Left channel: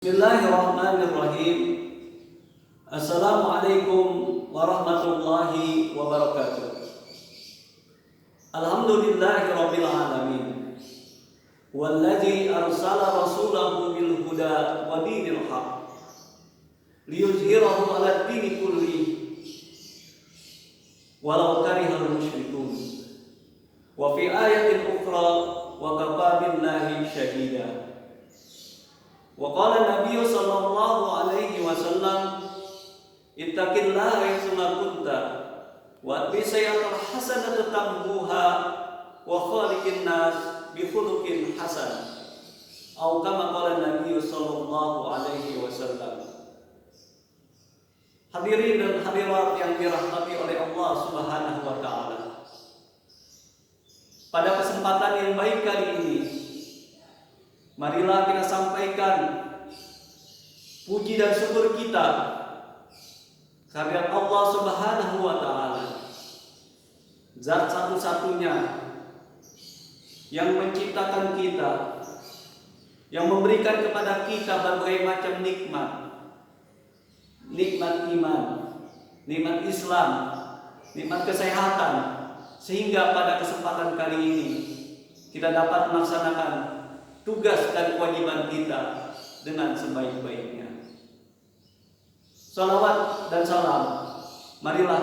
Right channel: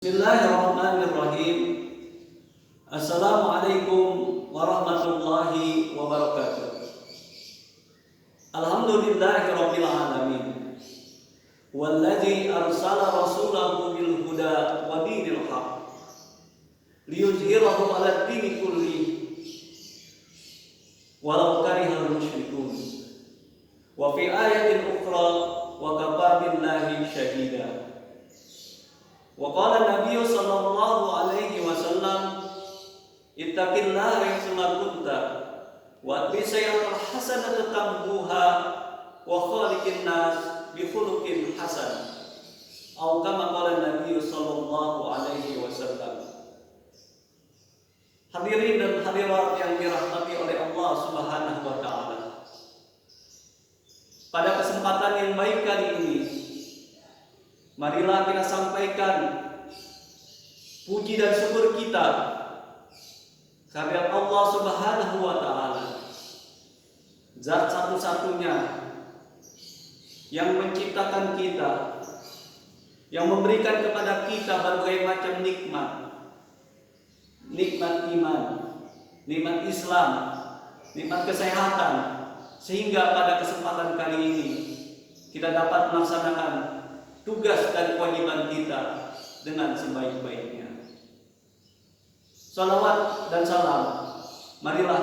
Bismillahirrahmanirrahim. Assalamualaikum warahmatullahi wabarakatuh. Alhamdulillahirabbil alamin. Walladzi arsala rasulahu bil huda wa dinil haq liyuzhirahu 'alad dini kullihi walau karihal musyrikun. Wa fi ayatin ukhra wa kafa billahi syahida. Wa qala Nabi sallallahu alaihi wasallam ittaqillaha haitsuma kunta wa atbi sayyi'atal hasanata tamhuha wa khaliqin nas bi khuluqin hasan. Atau kama qala Nabi sallallahu alaihi wasallam. Hadirin dan hadirat yang dirahmati oleh Allah Subhanahu wa taala. Pada kesempatan yang baik kali ini, marilah kita sampaikan puji dan syukur kita kehadirat Allah Subhanahu wa taala, zat satu-satunya yang menciptakan kita, yang memberikan kepada kita berbagai macam nikmat. Nikmat iman, nikmat Islam, nikmat kesehatan, sehingga pada kesempatan kali ini kita dapat melaksanakan tugas dan kewajiban kita dengan sebaik-baiknya. Salawat dan salam marilah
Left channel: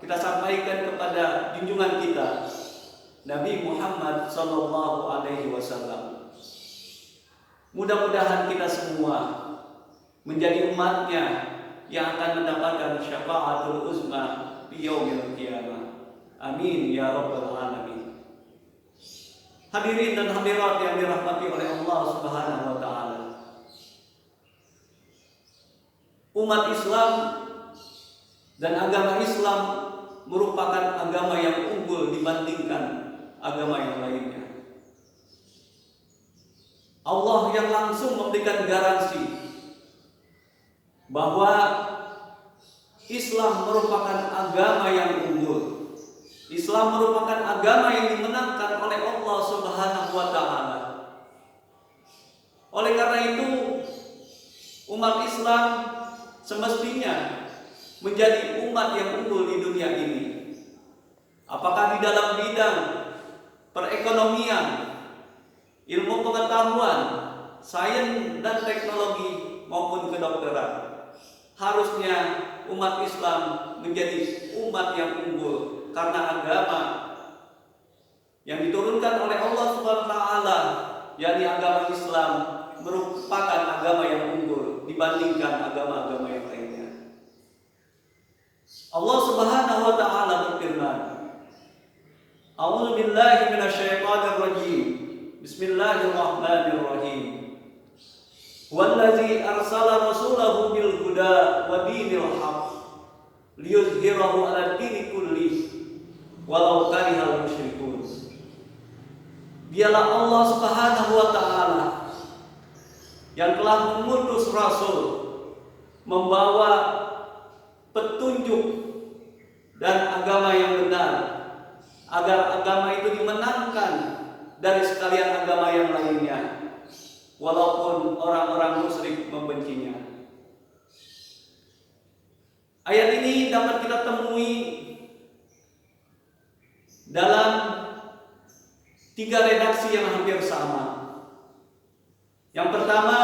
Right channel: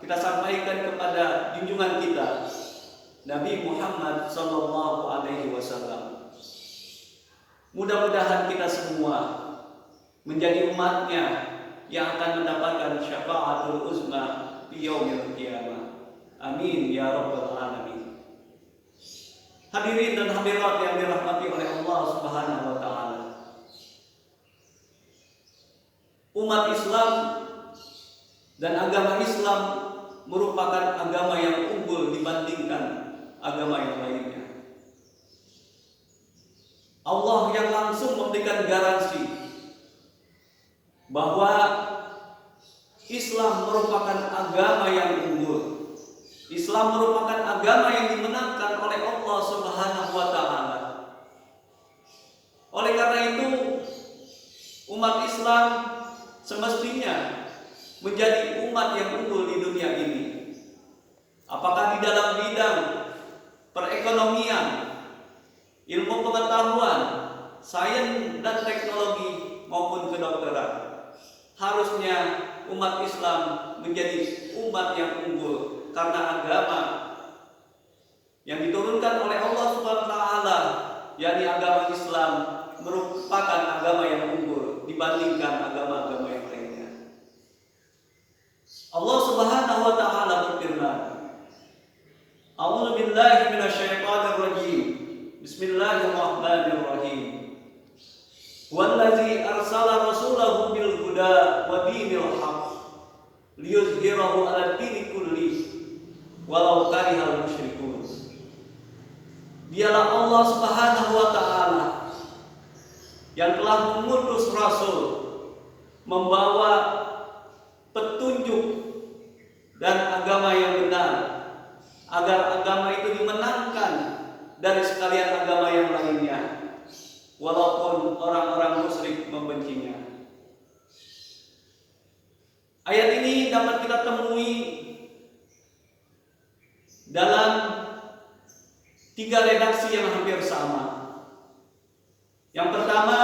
kita sampaikan kepada junjungan kita Nabi Muhammad sallallahu alaihi wasallam. Mudah-mudahan kita semua menjadi umatnya yang akan mendapatkan syafaatul uzma di yaumil qiyamah. Amin ya rabbal alamin. Hadirin dan hadirat yang dirahmati oleh Allah Subhanahu wa taala. Umat Islam dan agama Islam merupakan agama yang unggul dibandingkan agama yang lainnya. Allah yang langsung memberikan garansi bahwa Islam merupakan agama yang unggul. Islam merupakan agama yang dimenangkan oleh Allah Subhanahu wa taala. Oleh karena itu, umat Islam semestinya menjadi umat yang unggul di dunia ini. Apakah di dalam bidang perekonomian, ilmu pengetahuan, sains dan teknologi maupun kedokteran. Harusnya umat Islam menjadi umat yang unggul karena agama yang diturunkan oleh Allah Subhanahu wa taala, yakni agama Islam, merupakan agama yang unggul dibandingkan agama-agama yang lainnya. Allah Subhanahu wa taala berfirman, A'udzu billahi minasyaitonir rajim. Bismillahirrahmanirrahim. Wallazi arsala rasulahu bil huda wa dinil haq liyuzhirahu 'alad dini kullihi walau karihal musyrikun. Dialah Allah Subhanahu wa taala yang telah mengutus rasul membawa petunjuk dan agama yang benar agar agama itu dimenangkan dari sekalian agama yang lainnya, walaupun orang-orang musyrik membencinya. Ayat ini dapat kita temui dalam 3 redaksi yang hampir sama. Yang pertama,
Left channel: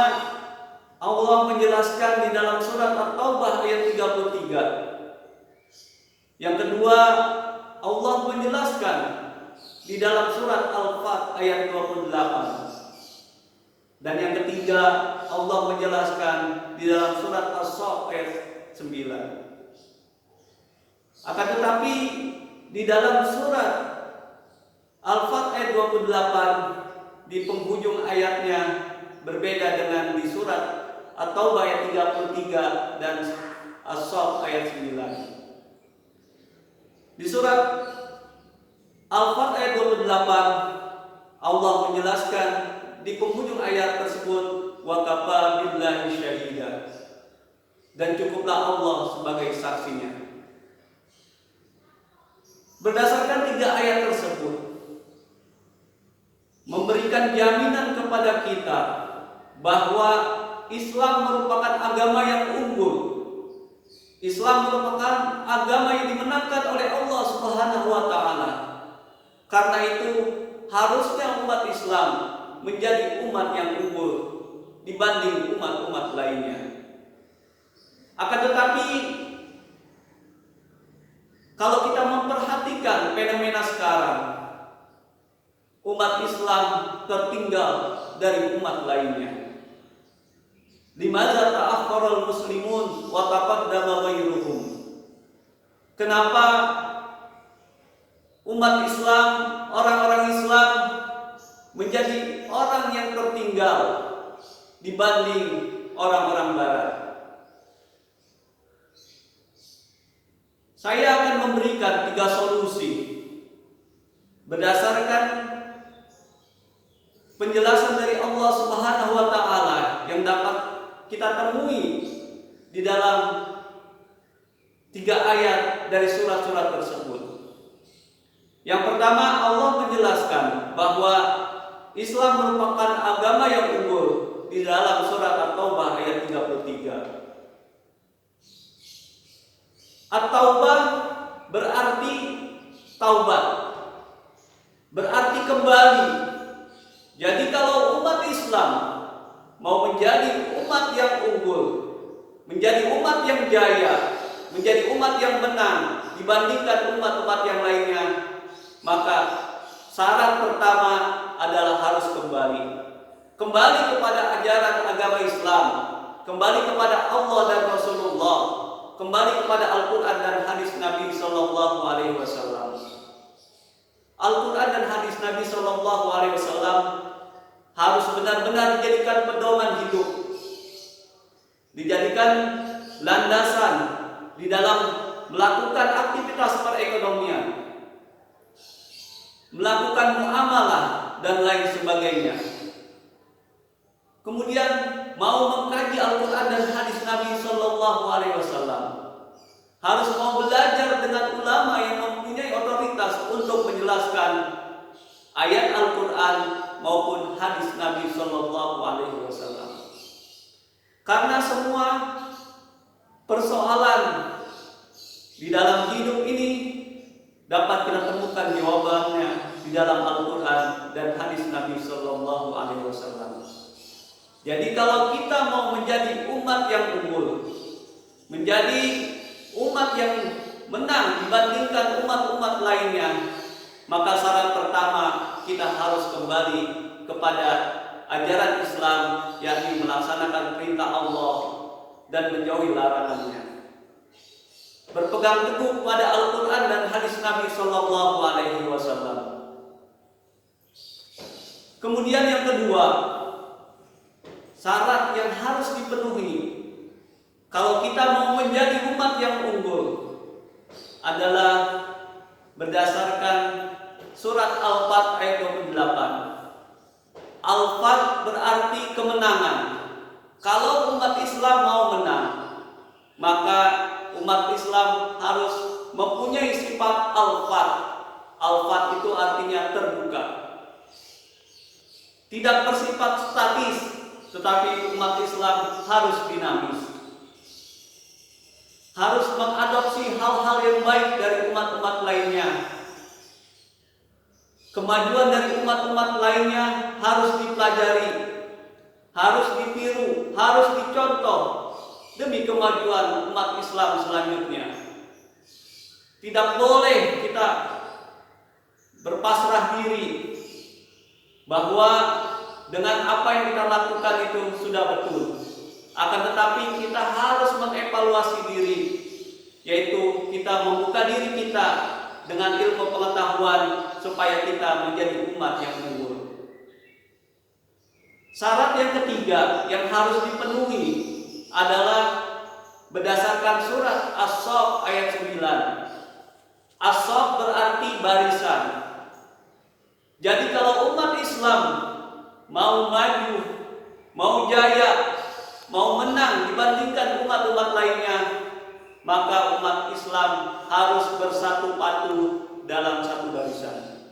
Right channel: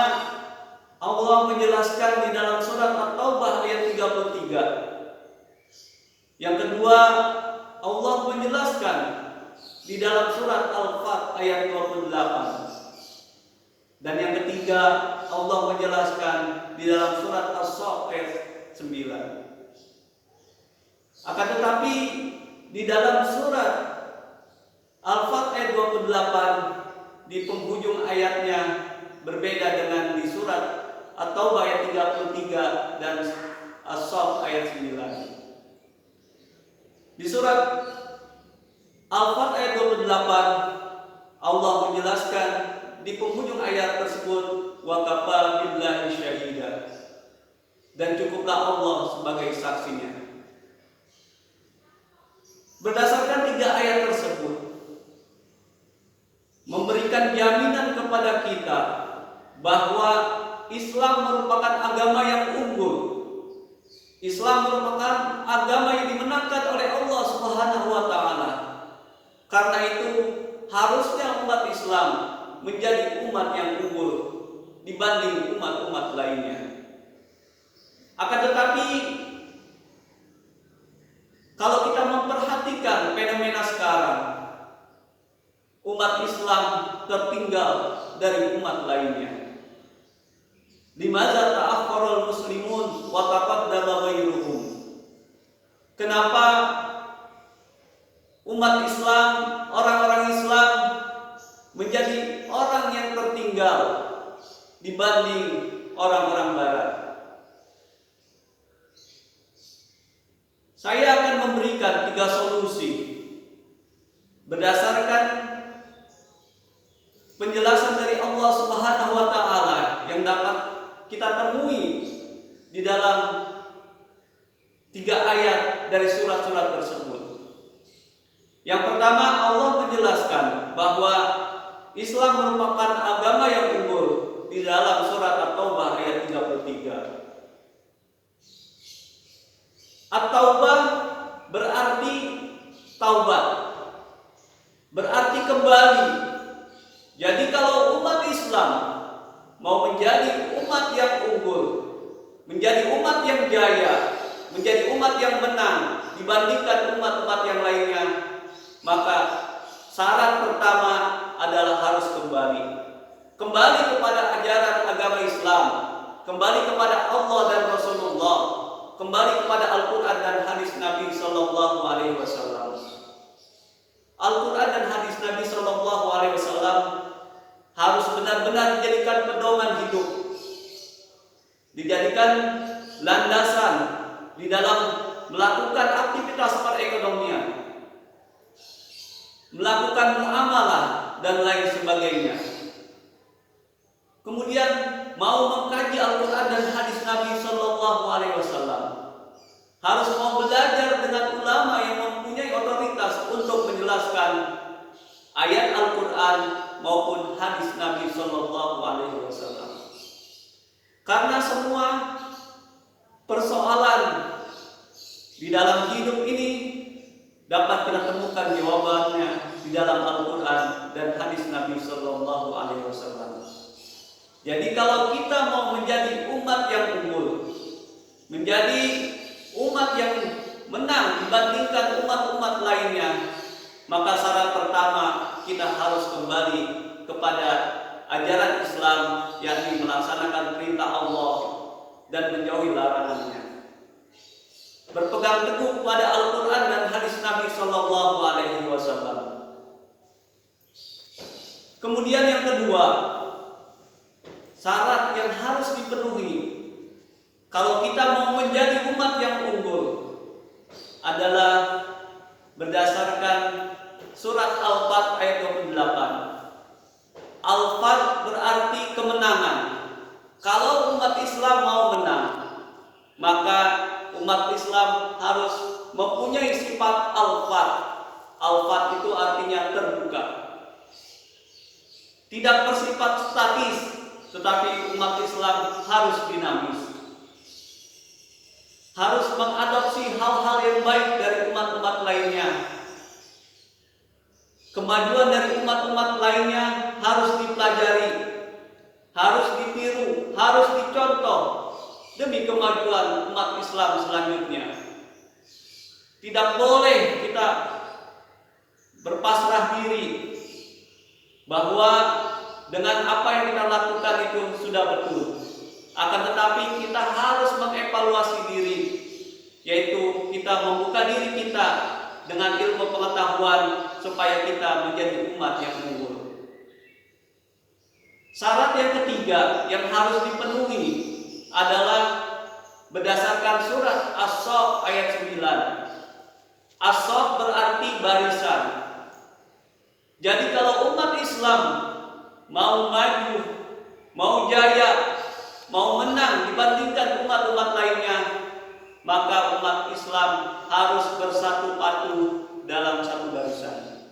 Allah menjelaskan di dalam surat At-Taubah ayat 33. Yang kedua, Allah menjelaskan di dalam surat Al-Fat ayat 28. Dan yang ketiga, Allah menjelaskan di dalam surat As-Saff ayat 9. Akan tetapi di dalam surat Al-Fat ayat 28 di penghujung ayatnya berbeda dengan di surat At-Taubah ayat 33 dan As-Saff ayat 9. Di surat Al-Fat ayat 28 Allah menjelaskan di penghujung ayat tersebut, wa kafa billahi syahida, dan cukuplah Allah sebagai saksinya. Berdasarkan 3 ayat tersebut memberikan jaminan kepada kita bahwa Islam merupakan agama yang unggul. Islam merupakan agama yang dimenangkan oleh Allah Subhanahu wa taala. Karena itu, harusnya umat Islam menjadi umat yang unggul dibanding umat-umat lainnya. Akan tetapi, kalau kita memperhatikan fenomena sekarang, umat Islam tertinggal dari umat lainnya. Limadza ta'akhkharul muslimun wa taqaddama ghairuhum? Kenapa umat Islam, orang-orang Islam menjadi orang yang tertinggal dibanding orang-orang barat? Saya akan memberikan 3 solusi berdasarkan penjelasan dari Allah Subhanahu wa taala yang dapat kita temui di dalam 3 ayat dari surat-surat tersebut. Yang pertama, Allah menjelaskan bahwa Islam merupakan agama yang unggul di dalam surat At-Taubah ayat 33. At-Taubah berarti taubat, berarti kembali. Jadi kalau umat Islam mau menjadi umat yang unggul, menjadi umat yang jaya, menjadi umat yang menang dibandingkan umat-umat yang lainnya, maka syarat pertama adalah harus kembali kepada ajaran agama Islam, kembali kepada Allah dan Rasulullah, kembali kepada Al-Quran dan hadis Nabi Sallallahu Alaihi Wasallam. Al-Quran dan hadis Nabi Sallallahu Alaihi Wasallam harus benar-benar dijadikan pedoman hidup, dijadikan landasan di dalam melakukan aktivitas perekonomian, melakukan muamalah dan lain sebagainya. Kemudian mau mengkaji Al-Quran dan hadis Nabi Sallallahu Alaihi Wasallam, harus mau belajar dengan ulama yang mempunyai otoritas untuk menjelaskan ayat Al-Quran maupun hadis Nabi Sallallahu Alaihi Wasallam. Karena semua persoalan di dalam hidup ini dapat kita temukan jawabannya di dalam Al-Quran dan hadis Nabi Sallallahu Alaihi Wasallam. Jadi kalau kita mau menjadi umat yang unggul, menjadi umat yang menang dibandingkan umat-umat lainnya, maka syarat pertama kita harus kembali kepada ajaran Islam, yakni melaksanakan perintah Allah dan menjauhi larangannya. Berpegang teguh pada Al-Quran dan hadis Nabi Sallallahu Alaihi Wasallam. Kemudian yang kedua, syarat yang harus dipenuhi kalau kita mau menjadi umat yang unggul adalah berdasarkan surat Al-Fat ayat 28. Al-Fat berarti kemenangan. Kalau umat Islam mau menang, maka umat Islam harus mempunyai sifat Al-Fat. Al-Fat itu artinya terbuka, tidak bersifat statis, tetapi umat Islam harus dinamis, harus mengadopsi hal-hal yang baik dari umat-umat lainnya. Kemajuan dari umat-umat lainnya harus dipelajari, harus ditiru, harus dicontoh demi kemajuan umat Islam selanjutnya. Tidak boleh kita berpasrah diri bahwa dengan apa yang kita lakukan itu sudah betul. Akan tetapi kita harus mengevaluasi diri, yaitu kita membuka diri kita dengan ilmu pengetahuan supaya kita menjadi umat yang unggul. Syarat yang ketiga yang harus dipenuhi adalah berdasarkan surat As-Saff ayat 9. As-Saff berarti barisan. Jadi kalau umat Islam mau maju, mau jaya, mau menang dibandingkan umat-umat lainnya, maka umat Islam harus bersatu padu dalam satu barisan.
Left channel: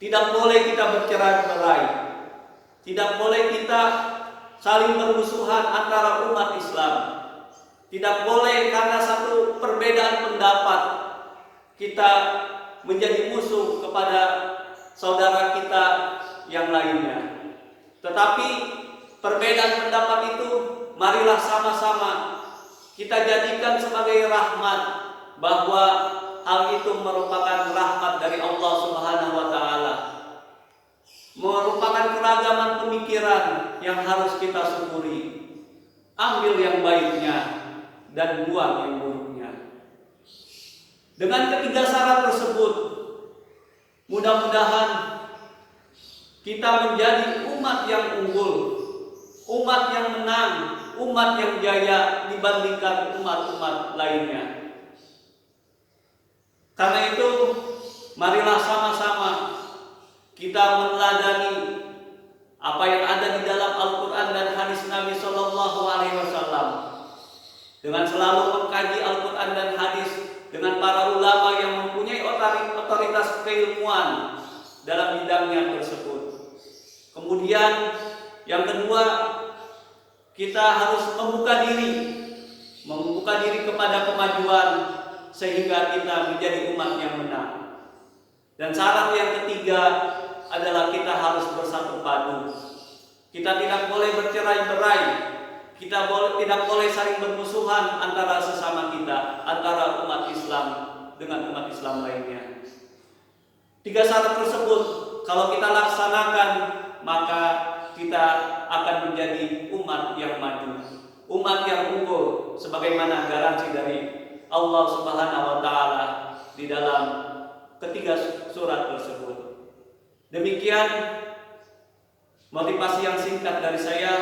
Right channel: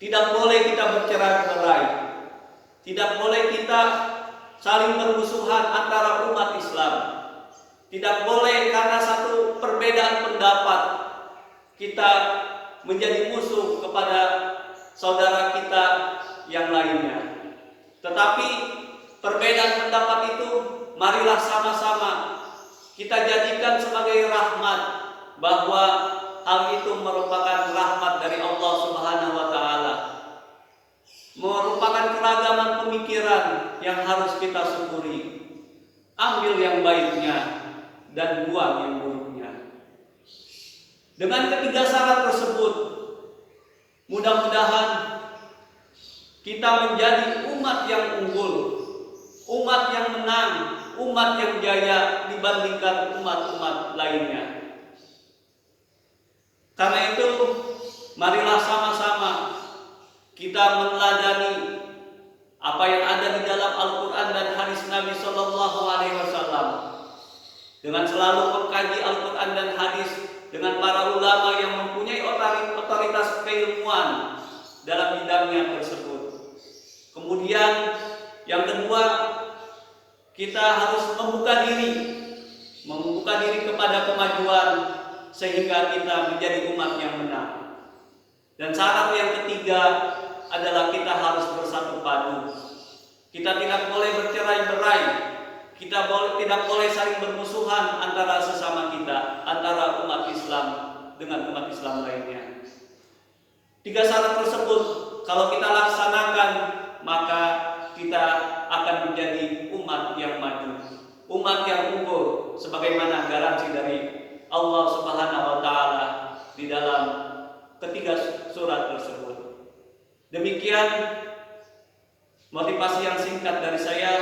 Tidak boleh kita bercerai-berai, tidak boleh kita saling bermusuhan antara umat Islam. Tidak boleh karena satu perbedaan pendapat kita menjadi musuh kepada saudara kita yang lainnya. Tetapi perbedaan pendapat itu marilah sama-sama kita jadikan sebagai rahmat, bahwa hal itu merupakan rahmat dari Allah Subhanahu wa taala. Merupakan keragaman pemikiran yang harus kita syukuri. Ambil yang baiknya dan buang yang buruknya. Dengan ketiga syarat tersebut, mudah-mudahan kita menjadi umat yang unggul, umat yang menang, umat yang jaya dibandingkan umat-umat lainnya. Karena itu, marilah sama-sama kita meneladani apa yang ada di dalam Al-Quran dan hadis Nabi Shallallahu Alaihi Wasallam, dengan selalu mengkaji Al-Quran dan hadis dengan para ulama yang mempunyai otoritas keilmuan dalam bidangnya tersebut. Kemudian yang kedua, kita harus membuka diri kepada kemajuan sehingga kita menjadi umat yang menang. Dan syarat yang ketiga adalah kita harus bersatu padu. Kita tidak boleh bercerai-berai. Kita tidak boleh saling bermusuhan antara sesama kita, antara umat Islam dengan umat Islam lainnya. Tiga syarat tersebut kalau kita laksanakan, maka kita akan menjadi umat yang maju, umat yang unggul, sebagaimana garansi dari Allah Subhanahu wa taala di dalam ketiga surat tersebut. Demikian motivasi yang singkat dari saya,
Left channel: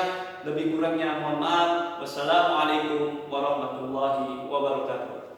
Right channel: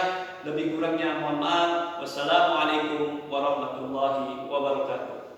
lebih kurangnya mohon maaf. Wassalamualaikum warahmatullahi wabarakatuh.